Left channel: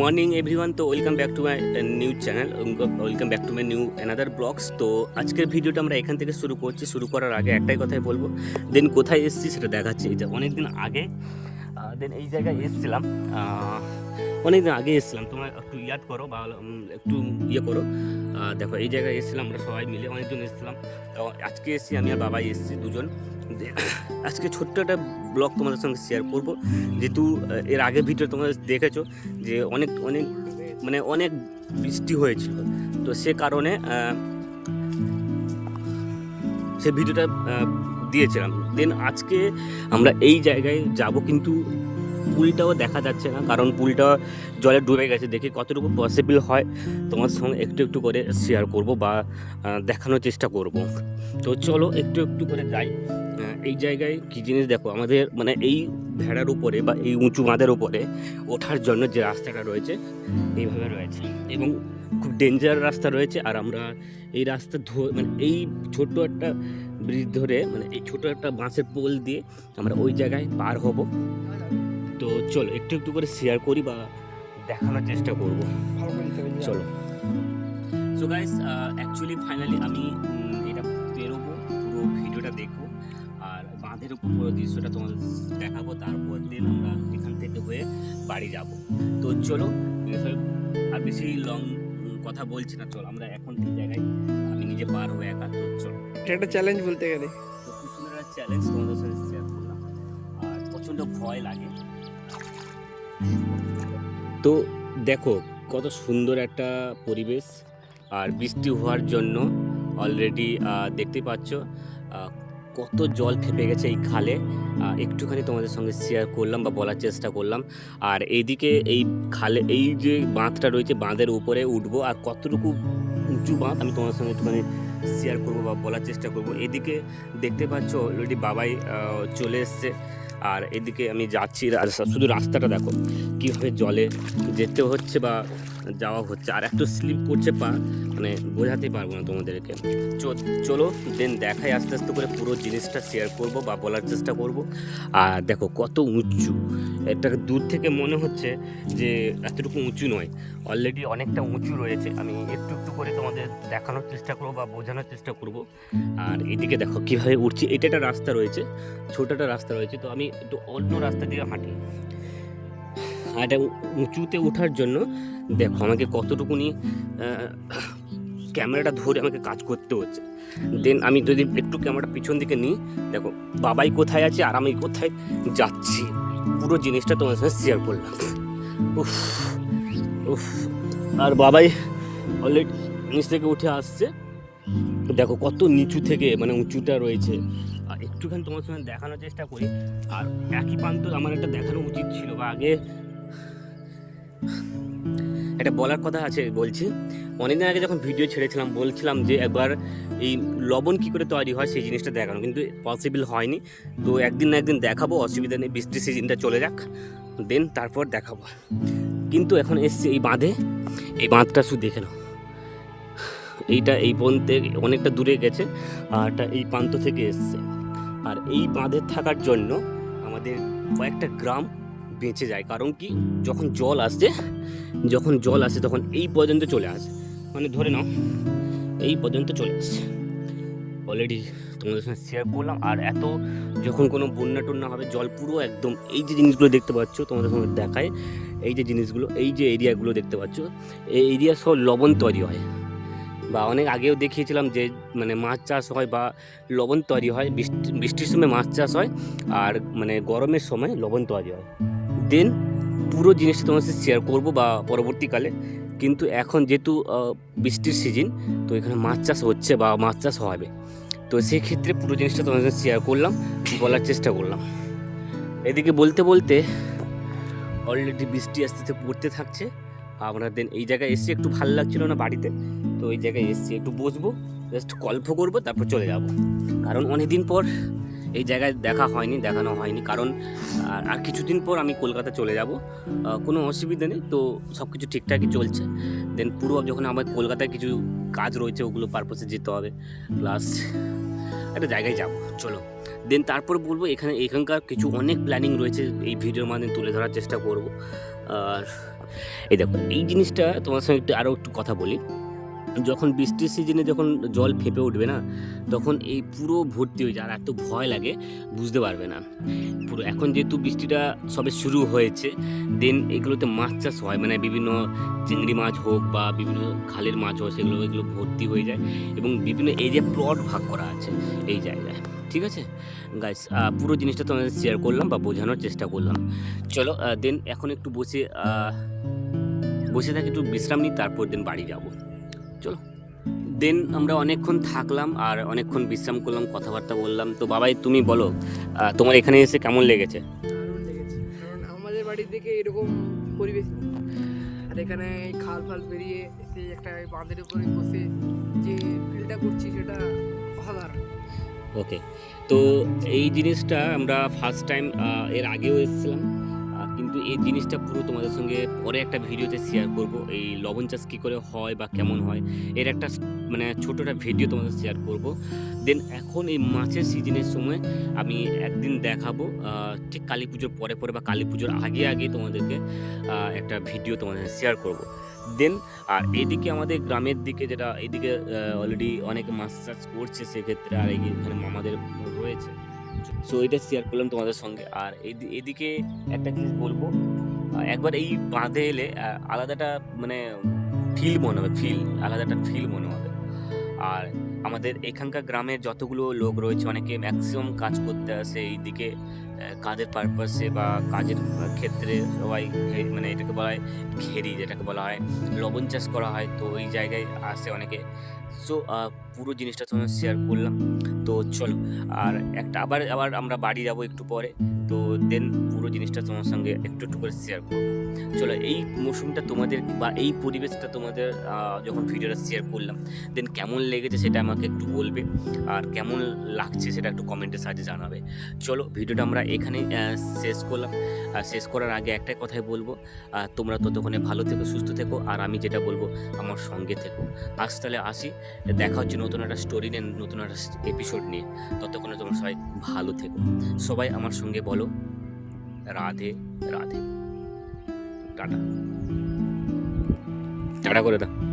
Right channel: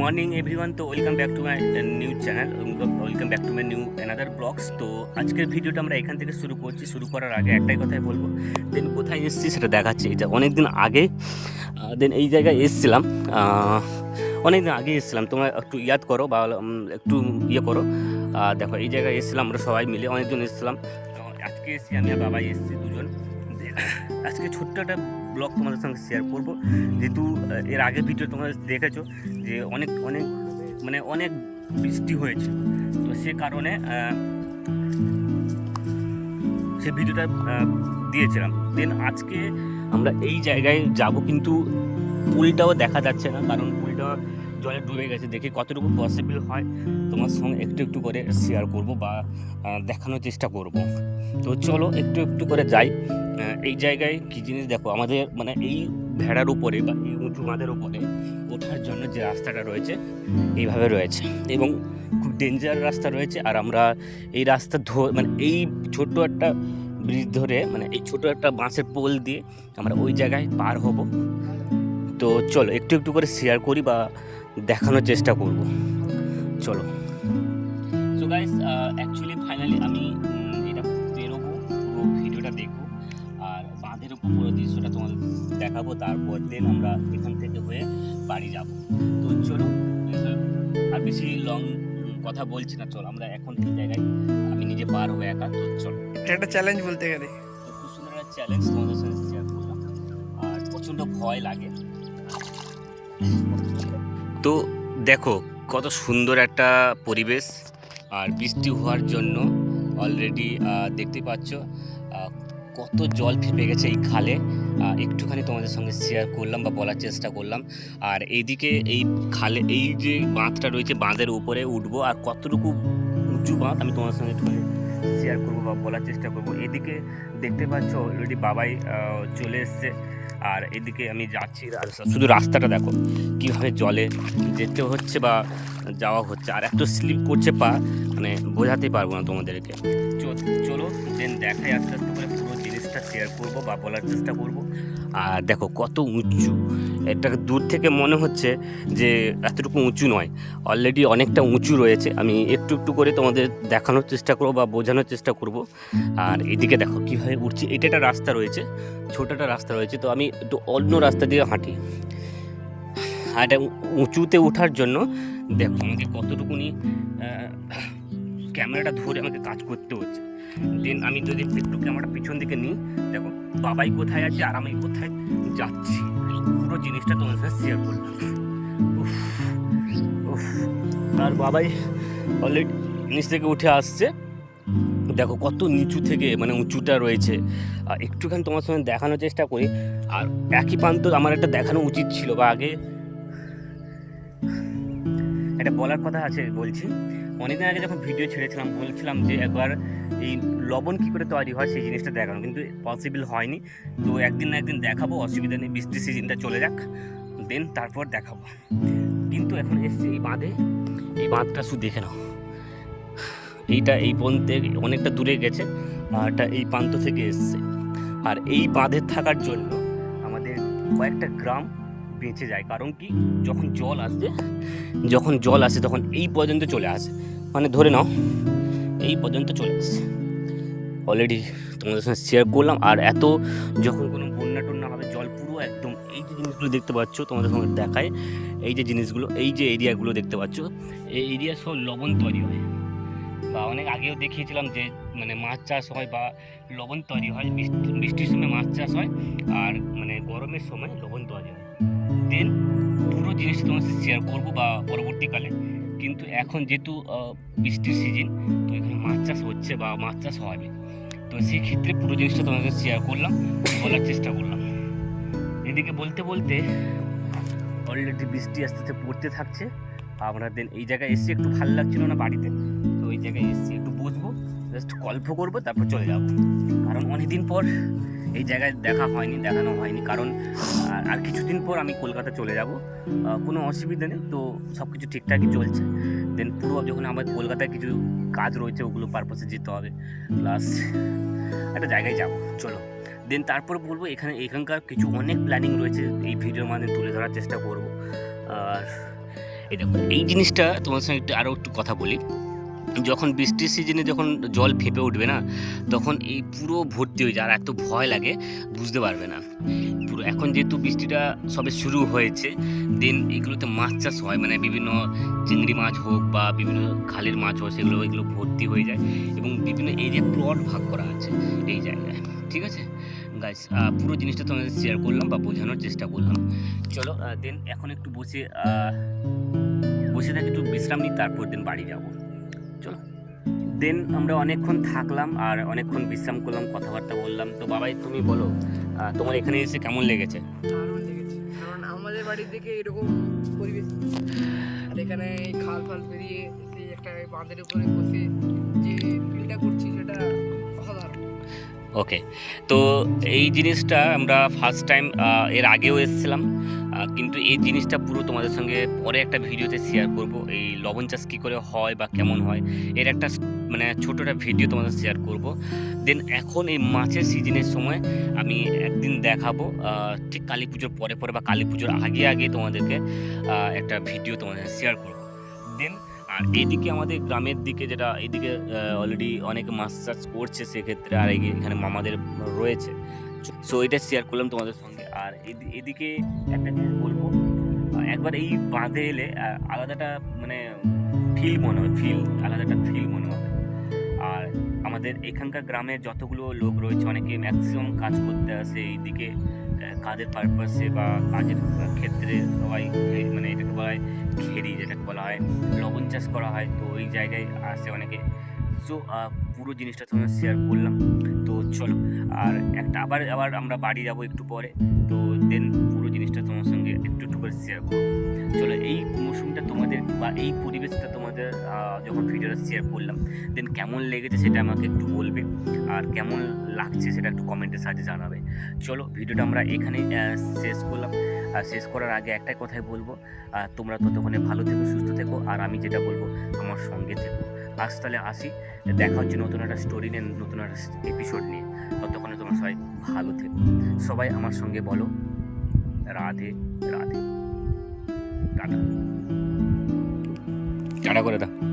Morning everyone তো welcome back to my new channel welcome back to my new another blogs তো আজকের ভিডিওটা আমরা এখান থেকে শুরু করছি। শুরু করার আগে একটাই কথাই বলব। দেন কোথায় এসেছি সেটা দেখাচ্ছি। এই অনেক দিন আগে দেন এই জায়গায় এসেছিলাম। অনেক দিন আগে এসেছিলাম। তোমরা একটু ইয়াদ করো বা একটু ইয়ে করো। দেখো, এই জায়গায় এসেছিলাম আমরা সবাই মিলে। অনেকজন এসেছিলাম। আজকে এসেছি আমি আর বাবাই এসেছি দুজন। আজকে ছোট্ট একটা ব্লগ তোমাদের সঙ্গে শেয়ার করব। যেহেতু এর আগের ভিডিও তোমরা দেখেছ যে অনেক অনেক মানে অনেক বৃষ্টি হয়েছিল। তো সে কারণে সে ভিডিওটা দিয়েছিলাম। দেন আজকে আমরা এই জায়গায় যাব কিন্তু পুলটাও দেখা যাচ্ছে না, কারণ পুলটা জলে ডুবে গেছে। দেখি কতটুকু পসিবল হয় তোমার সঙ্গে একটু একটু করে শেয়ার করব বা দেখানোর চেষ্টা করব। তো চলো একটু একটু করে যাই। এই জায়গায় কী জিনিস দেখো, আমাদের মানে এই ভেড়ার উপরে বা এই উঁচু বাঁধের উপরে ওঠার জন্য যে রাস্তাটা রয়েছে, এইভাবে রয়েছে। এবং খুব ডেঞ্জার রাস্তা রয়েছে, আর আমরা এই রাস্তা ধরে মানে এই ছোট্ট একটা ব্রিজ ধরে মানে এই ছোট একটা বাঁশের পোল দিয়ে আমরা ওই জায়গায় পার হব। তো চলো, একটু একটু করে শেয়ার করি বা দেখানোর চেষ্টা করব। চলো। সো গাইস অ্যাকচুয়ালি ফাইনালি আমি বাঁধের উপর পুরো দৃশ্যটা তোমাদের দেখাবো তারপর দিন আমরা এখান থেকে হয়ে বাড়ি যাব। তো চলো আর বেশি লং কথা বলছি না চলো আমরা এখন এই জায়গায়? আমি নিজে পার হয়ে একা তো চলো। এটা একটা চ্যালেঞ্জ বলতে গেলে। তো খুব সুন্দর একটা চ্যালেঞ্জ তোমাদের সাথে শেয়ার করলাম আর প্রচণ্ড ভয় লাগে। তো দেখো কত সুন্দর একটা পরিবেশ আর বৃষ্টি হওয়ার জন্য অলরেডি দেখতে পাচ্ছ কত জল ফেপে গেছে এই খালে। একটুখানি তোমাদের সঙ্গে শেয়ার করলাম বা বলার চেষ্টা করলাম। আর এইদিকে এই খালে, এই যে বাঁধটা রয়েছে, বাঁধের উপরে উঠবো। আর কতটুকু উঁচু বাঁধ, আমি তোমাদের সঙ্গে একটুখানি শেয়ার করব বা বলার চেষ্টা করব। এদিকে দেখতে পাচ্ছ অলরেডি বাবাই চলে এসছে। আর এদিকে আমি যাচ্ছি শুধু রাস্তাটা দেখো, কীভাবে জলে যেতে হচ্ছে বা যাওয়া হচ্ছে। আর এত স্লিপ করছে পা মানে বোঝাতে পারব না তোমাদেরকে। চলো দেন দেখাই আস্তে আস্তে করে পুরো জিনিসটা শেয়ার করব বা বলার চেষ্টা করব। আর দেখো, কত উঁচু। এটা দূর থেকে মনে হচ্ছে যে এতটুকু উঁচু নয়। অলরেডি অনেকটা উঁচু রয়েছে। আমি একটু একটু করে তোমাদের দেখানোর চেষ্টা করব বা বোঝানোর চেষ্টা করব। আর এদিকে দেখো কীভাবে উঠছি। এটা একটা রাস্তা রয়েছে ছোটো একটা রাস্তা রয়েছে। তো আমি একটু অন্য রাস্তা দিয়ে হাঁটি। আর এটা উঁচুতে ওঠার জন্য দেখো, আমাকে কতটুকুনি ক্যামেরাটা ধরে আমাকে কাজ করতে হচ্ছে। দেন আমি যদি একটু ক্যামেরাটা পিছন দিকে নিই। দেখো, বাবাই কোথায় আছে আর আমি কোথায় যাচ্ছি? পুরো জিনিসটা তোমার সাথে শেয়ার করলাম। উফ উফ। আর বাবাই অলরেডি নিচ থেকে উঠে আসছে। দেখো, কত নিচু থেকে মানে উঁচুটা রয়েছে। আর একটুখানি তোমার সঙ্গে দেখানোর চেষ্টা করি। আর একই প্রান্ত আমার একটা দেখানো উচিত ছিল বা আগে। একটা বলার কথা আছে বলছি। অনেকদিন আগে যখন ভিডিও ছেড়েছিলাম, বলছিলাম যে একবার এই লবণ কী করে তৈরি হয় সেই জিনিসটা দেখানো, কিন্তু পসিবল হয়নি। তো একদিন না একদিন দেখাবো, অসুবিধা নেই, বৃষ্টির সিজনটা চলে যাক দেন তারপর দেখাবো। কিন্তু এখন এসছে এই বাঁধে, এই বাঁধটা শুধু দেখে নাও। এইটা এই পন্থে অনেকটা দূরে গেছে, আর এটা এই প্রান্ত থেকে এসছে। আর এই বাঁধে থাকার জন্য আমাদের কয়েকটা গ্রাম বেঁচে যায়, কারণ কি যখন জল আসছে যখন জল আসে, তখন এই পর্যন্ত চলে আসে। মানে ধরে নাও, এই পর্যন্ত চলে আসছে অলরেডি তোমাদের সঙ্গে শেয়ার করলাম। আর এত যখন কোনো বন্যা টন্যা হবে, জল পুরো একদম এই যে জিনিসগুলো দেখতে পাচ্ছ, তোমাদের সঙ্গে দেখায় এই যে জিনিসগুলো, এই যে এরিয়াগুলো দেখতে পাচ্ছ, এই এরিয়া সব লবণ তৈরি হয়। বা অনেক আগেও দেখিয়েছিলাম যে মানে মাছ চাষ হয় বা লবণ তৈরি হয়, বৃষ্টি, বৃষ্টির সময় মাছ চাষ হয়, আর মানে গরমের সময় লবণ তৈরি হয়। দেন পুরো জিনিসটা তোমার সাথে শেয়ার করব বা পরবর্তীকালে। কিন্তু এখন যেহেতু বৃষ্টির সিজন তো এখানে মাছ চাষ হচ্ছে বা মাছ চাষ হবে। তো সেই ক্ষেত্রে পুরো জিনিসটা তোমার সাথে শেয়ার করলাম, বলার চেষ্টা করলাম। এদিকে বলতে বলতে অলরেডি বৃষ্টি আস্তে আস্তে পড়তে থাকছে। আমরা দেন এই জায়গায় এসে একটু ভালো লাগছিল না বাড়িতে, তো ওই জায়গায় এসছি একটু বসবো জাস্ট গল্প করব, তারপর চলে যাব। কারণ অনেকদিন পর এই জায়গায় দেখা হয়নি, দেখানো হয়নি। কারণ, আর কিছুদিন পর আমি কলকাতা চলে যাব। কোনো অসুবিধা নেই, তো সব কিছু ঠিকঠাকই চলছে। দেন পুরো যখন আমার কলকাতায় কিছু কাজ রয়েছে, ওগুলো পারপাসে যেতে হবে। প্লাস একটা জায়গায় যাব, চলো। দেন তারপর বলব, এখানে, এখানকার কিছু অনেক প্ল্যানিং রয়েছে, এই ভিডিওর মাধ্যমে তুলে ধরার চেষ্টা করব। আর, এই দেখো, এই জিনিসটা তোমার সঙ্গে একটু আরও একটু কথা বলি। যখন বৃষ্টির সিজনে যখন জল ফেঁপে উঠবে না, তখন এই পুরো ভর্তি হয়ে যায় আর এত ভয় লাগে, বুঝতে পারবে না। পুরো এখন যেহেতু বৃষ্টিটা সবে শুরু হয়েছে দেন এগুলোতে মাছ চাষ হয় মানে বিভিন্ন চিংড়ি মাছ হোক বা বিভিন্ন খালের মাছ হোক, সেগুলো, এগুলো ভর্তি হয়ে যায় এবং বিভিন্ন এরিয়া প্লট ভাগ করা আছে এই জায়গায়। ঠিক আছে? গাইস পুরো জিনিসটা তোমাদের শেয়ার করলাম বা বোঝানোর চেষ্টা করলাম। চলো দেন এখন একটু বসে বসে থাকি, একটু বিশ্রাম নিই, তারপর দিন বাড়ি যাব। চলো। দেন আমরা অনেকক্ষণ থাকলাম আর অনেকক্ষণ বিশ্রাম করলাম কথাবার্তা বললাম। তো বাবাই তুমি বলো তোমার এখানে এসে কেমন লেগেছে? কারণ আমাদের বাড়ির দিকে এরকম পরিবেশ আর এখানে খাল ফাল পেরিয়ে সেই একটা বাঁধের উপরে বসে যে ফিলটা করছি সেটা অসাধারণ। ওকে তো এই জিনিসটা আমরা ফার্স্ট টাইম এর আগেও এসেছিলাম। কিন্তু এই জিনিসটা পুরো তোমাদের সঙ্গে পরে একটা ভিডিওতে শেয়ার করব। এই লবণ চাষ কী করে হয় বা কেমন হয়, এর একটা মানে ছোটো একটা ভিডিও তোমাদের শেয়ার করব। দেন এখন এই মাছের সিজনের সময় আমি একদিন দেখাবো ঠিক কালী পুজোর পরে পরে বা কালী পুজোর আগে আগে তোমাদেরকে একটা ভিডিও তোমাদের শেয়ার করব। দেন আর এদিকে আমাদের গ্রামের দিকে যেটা, এদিকে অলরেডি অনেক মাছ চাষ করছে সেক্ষেত্রে আর এখানে মামাদের রয়েছে। সো এটা শেয়ার করলাম তোমাদের সঙ্গে। আর এদিকে একটা জিনিস বলব একবার এই বাঁধে এলে আলাদাটা মানে ফিল মনে হবে ফিল আলাদাটা ফিল মনে হবে। আর আমাদের এখানকার গ্রামের যতগুলো লোক রয়েছে, অনেকে ম্যাক্সিমাম কাজ করতে আসে এই দিকে কাজের পারপাসে বা কাজের ক্ষেত্রে সবাই মানে এটাকে বলা হয় ঘেরি, যেটাকে বলা হয়। লবণ চাষ করা হয়, তো ওই জায়গায় আসে অনেকে। সো পুরো জিনিসটা তোমার শেয়ার করলাম। তো চলো, আর একটা আবার আবার আমরা বাড়ি যাব একটু পরে। তো দেন পুরো জিনিসটা তোমার সঙ্গে একটু একটু করে শেয়ার করব। চলো, এই মৌসুমটা তোমাদের বা এই পরিবেশটা তোমাদের যখন ভিডিওটা শেয়ার করলাম দেন কেমন লেগেছে সেটা আমাকে একটু বলবে, আর কেমন লাগছে সেটা একটু কমেন্টের সাহায্যে জানাবে। চলো, ভিডিওটা আমরা এখানেই শেষ করলাম। আর শেষ করার আগে একটাই কথাই বলব তোমরা ততক্ষণে ভালো থেকো, সুস্থ থেকো, আর আমি যেটা বলব, আমার সঙ্গে থেকো। আজ তাহলে আসি, দেখা হচ্ছে নতুন একটা স্টোরি নিয়ে, নতুন একটা এপিসোড নিয়ে। ততক্ষণে তোমরা সবাই ভালো থেকো। সবাই আমার সঙ্গে বলো। রাধে রাধে। টাটা। টাটা করে দাও।